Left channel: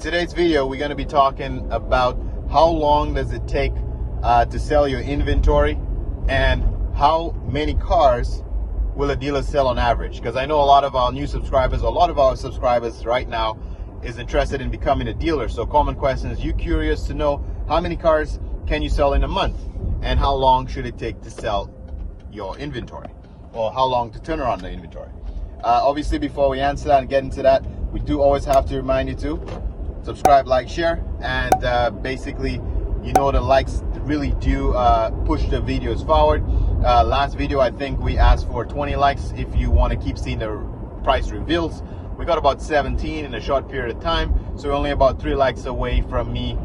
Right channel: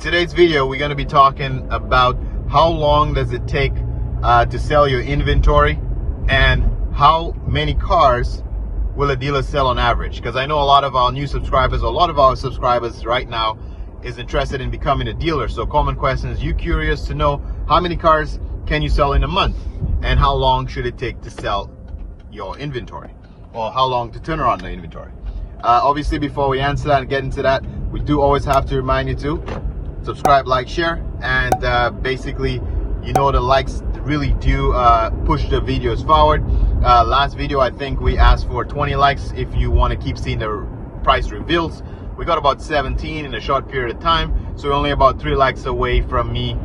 today's video, we're going to be talking about how long does it take to sell your inventory and how many cars will a dealer sell on average. Because I know a lot of our new subscribers, a lot of our subscribers right now is interested in becoming a dealer. So common question is, you curious to know how many cars can you sell in a month and how long should it take to sell your inventory, or how long to turn around the inventory. Obviously, before we answer that and get into that, we do always have to remind you to subscribe, like, share, and basically, you know, the likes really do push the videos forward. Last video, I think we asked for 20 likes if you want to keep seeing the price reveals. We got about 17 in a short period of time, so we're only about 3 likes away from me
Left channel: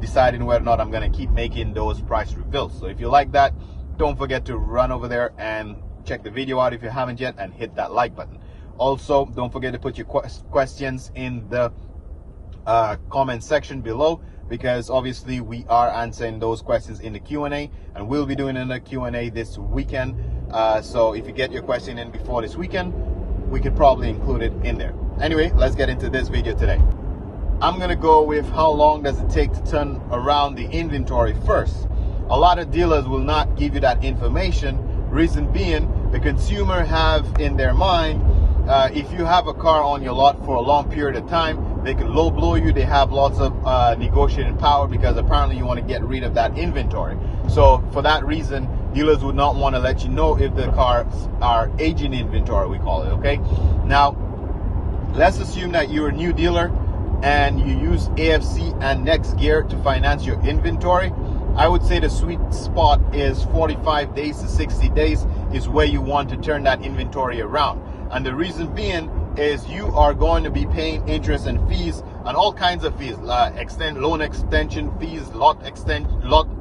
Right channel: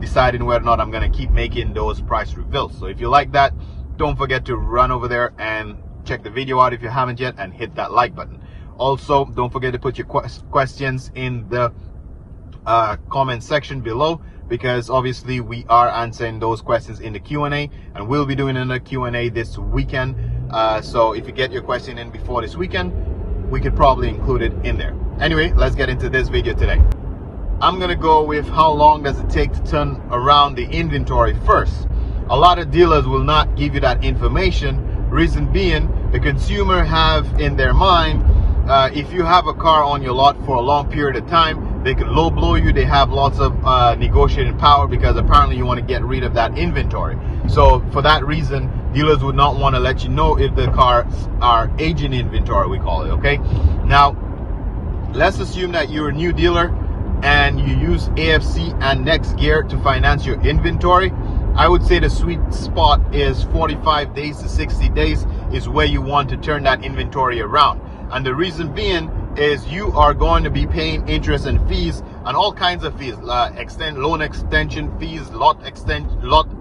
deciding whether or not I'm going to keep making those price reveals. So if you like that, don't forget to run over there and check the video out if you haven't yet, and hit that like button. Also, don't forget to put your questions in the comment section below, because obviously we are answering those questions in the Q&A, and we'll be doing another Q&A this weekend. So if you get your question in before this weekend, we could probably include it in there. Anyway, let's get into this video today. I'm gonna go with how long does it take to turn around the inventory first. A lot of dealers will not give you that information. Reason being, the consumer have in their mind, if you have a car on your lot for a long period of time, they can low blow you. They have lots of negotiating power because apparently you want to get rid of that inventory. So for that reason, dealers would not want to let you know if the cars are aging inventory, we call it. Okay, now let's assume that you're a new dealer and you use AFC and Next Gear to finance your inventory. I would say the sweet spot is 45 days to 60 days is where you want to turn that inventory around. And the reason being is you are going to be paying interest and fees and all kinds of fees, loan extension fees, lot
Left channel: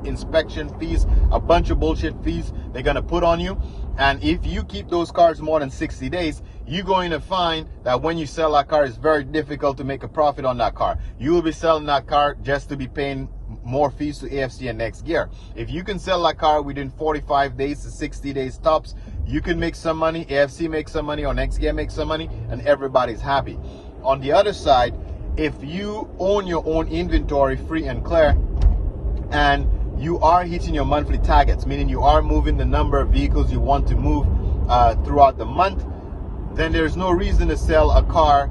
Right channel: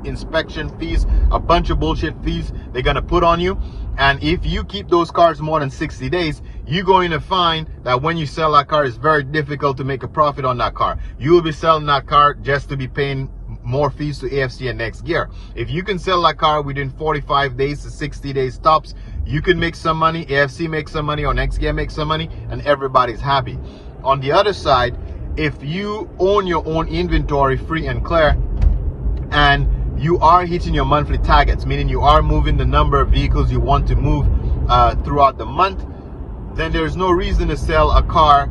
inspection fees, a bunch of bullshit fees they're going to put on you. And if you keep those cars more than 60 days, you're going to find that when you sell that car, it's very difficult to make a profit on that car. You will be selling that car just to be paying more fees to AFC and Next Gear. If you can sell that car within 45 days to 60 days tops, you can make some money, AFC makes some money, or Next Gear makes some money, and everybody's happy. On the other side, if you own your own inventory free and clear, and you are hitting your monthly targets, meaning you are moving the number of vehicles you want to move throughout the month, then there's no reason to sell a car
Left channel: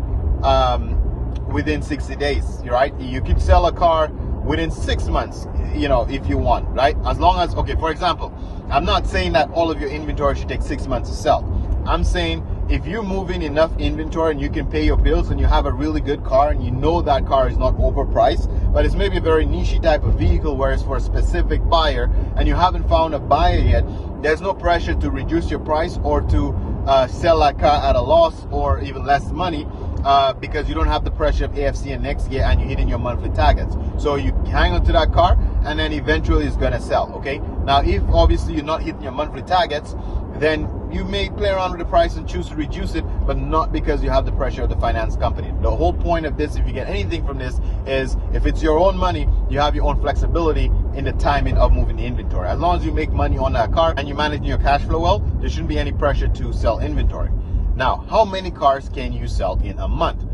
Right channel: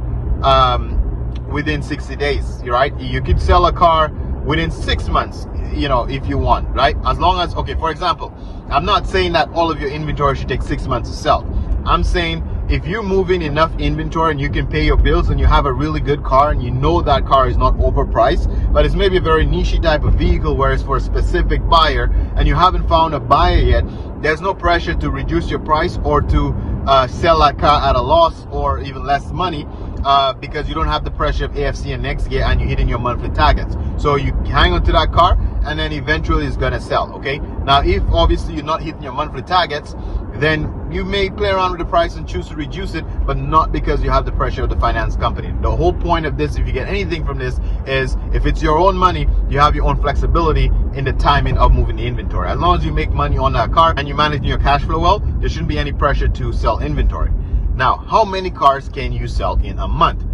within 60 days, right? You could sell a car within 6 months, you know, if you want, right? As long as, okay, for example, I'm not saying that all of your inventory should take 6 months to sell. I'm saying if you're moving enough inventory and you can pay your bills and you have a really good car and you know that car is not overpriced, but it's maybe a very niche type of vehicle where it's for a specific buyer and you haven't found a buyer yet, there's no pressure to reduce your price or to sell that car at a loss or even less money, because you don't have the pressure of AFC and Next Gear and you're hitting your monthly targets. So you hang on to that car and then eventually it's gonna sell. Okay, now if obviously you're not hitting your monthly targets, then you may play around with the price and choose to reduce it, but not because you have the pressure of the finance company. The whole point of this, if you get anything from this, is if it's your own money, you have your own flexibility in the timing of moving the inventory. As long as you make money on that car and you manage your cash flow well, there shouldn't be any pressure to sell inventory. Now, how many cars can you sell in a month?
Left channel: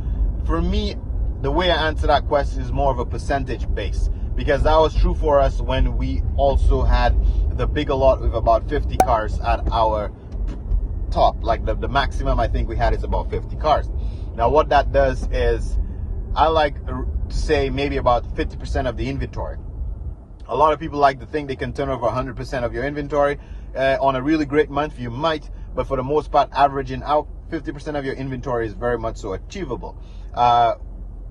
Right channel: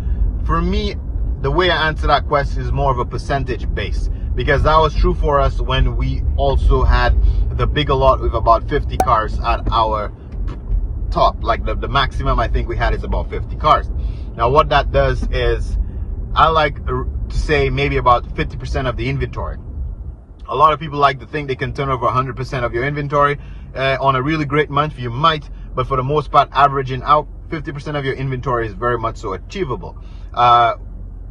For me, the way I answer that question is more of a percentage base, because that was true for us when we also had the bigger lot with about 50 cars at our top. Like the maximum I think we had is about 50 cars. Now what that does is, I like to say maybe about 50% of the inventory. A lot of people like to think they can turn over 100% of your inventory. On a really great month you might, but for the most part, averaging out 50% of your inventory is very much so achievable.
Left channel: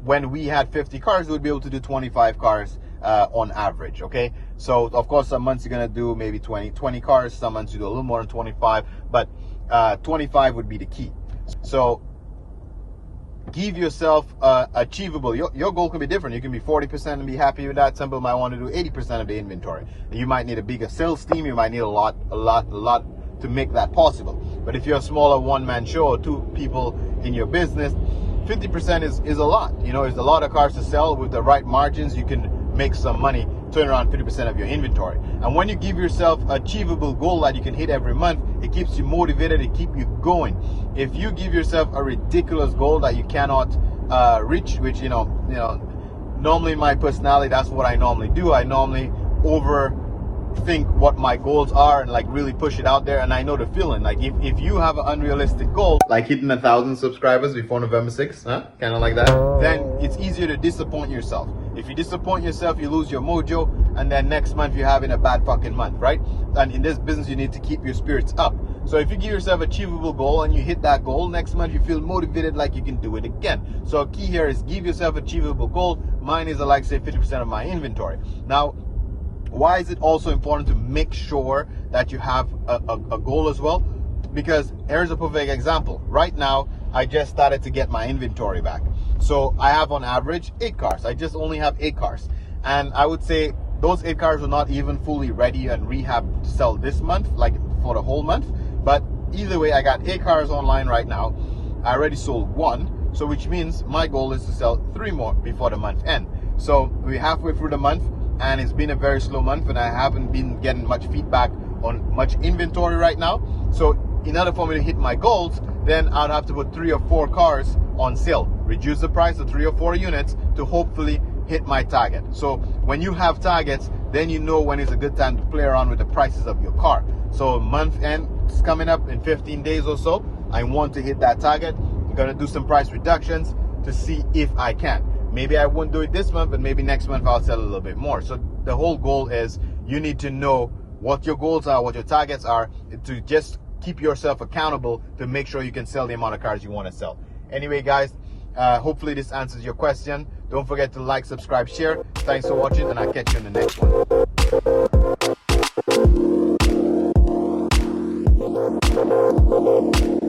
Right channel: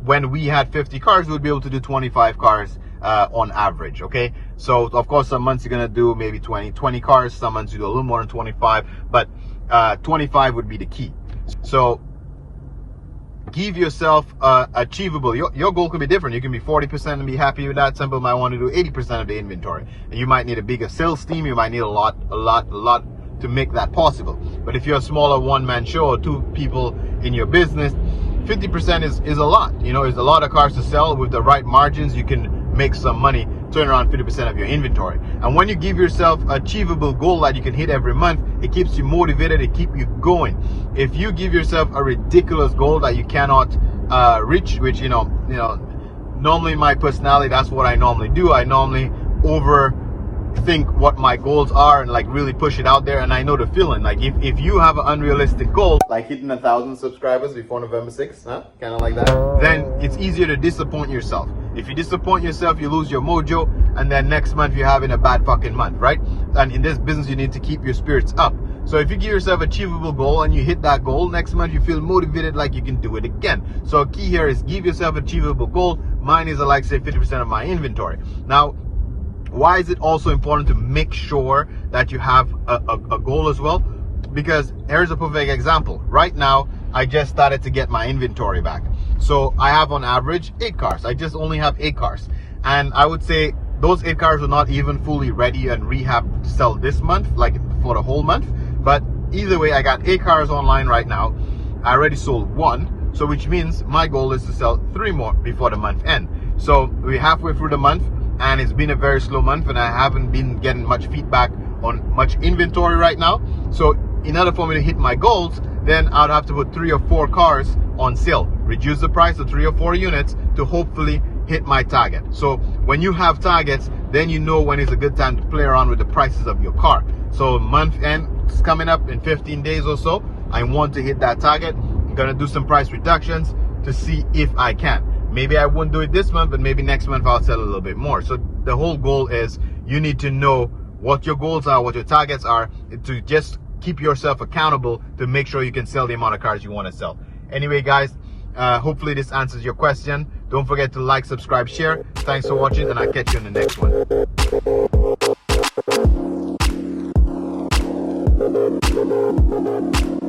When we had 50 cars, we would be able to do 25 cars on average. Okay, so of course some months you're gonna do maybe 20 cars, some months you do a little more than 25, but 25 would be the key. So give yourself achievable. Your goal could be different. You can be 40% and be happy with that. Some people might want to do 80% of the inventory. You might need a bigger sales team. You might need a lot to make that possible. But if you're a smaller one-man show or 2 people in your business, 50% is a lot. You know, there's a lot of cars to sell. With the right margins, you can make some money, turn around 50% of your inventory. And when you give yourself an achievable goal that you can hit every month, it keeps you motivated, it keeps you going. If you give yourself a ridiculous goal that you cannot rich, which normally my personality, that's what I normally do. I normally overthink what my goals are and like really push it out there, and I know the feeling. Like if you have an unrealistic goal, like hitting 1,000 subscribers before November 6th, kind of like that, then it's easier to disappoint yourself. If you disappoint yourself, you lose your mojo, and then next month you're having a bad fucking month, right? And in this business, you need to keep your spirits up. So if you give yourself an achievable goal and you hit that goal, next month you feel motivated like you can do it again. So key here is give yourself an achievable goal. Mine is like say 50% of my inventory. Now, why is it also important to make sure that you have a goal as well? Because here's a perfect example. Right now, I just started to get my inventory back. So I have on average 8 cars. I just only have 8 cars. And I would say those 8 cars are not even fully ready and rehabbed to sell this month, like for the whole month. But either way, I got 8 cars online right now. I already sold 1. So which means my goal is to sell 3 more before the month end. So we're halfway through the month, and it's been a very slow month, and I haven't been getting much feedback on much inventory right now. So in order for me to hit my goals, then I'd have to put 3 or 4 cars on sale, reduce the price of 3 or 4 units to hopefully hit my target. So when you have targets, then you know when it's a good time to play around with the prices of your car. So month end is coming up in 15 days or so. I want to hit that target. I'm gonna do some price reductions to see if I can. Maybe I won't do it this month, but maybe next month I'll sell a little bit more. So the whole goal is you need to know what your goals are, what your targets are, to just keep yourself accountable to make sure you can sell the amount of cars you want to sell. Anyway, guys, hopefully this answers your question. Don't forget to like, subscribe, share. Thanks for watching, and I'll catch you in the next one.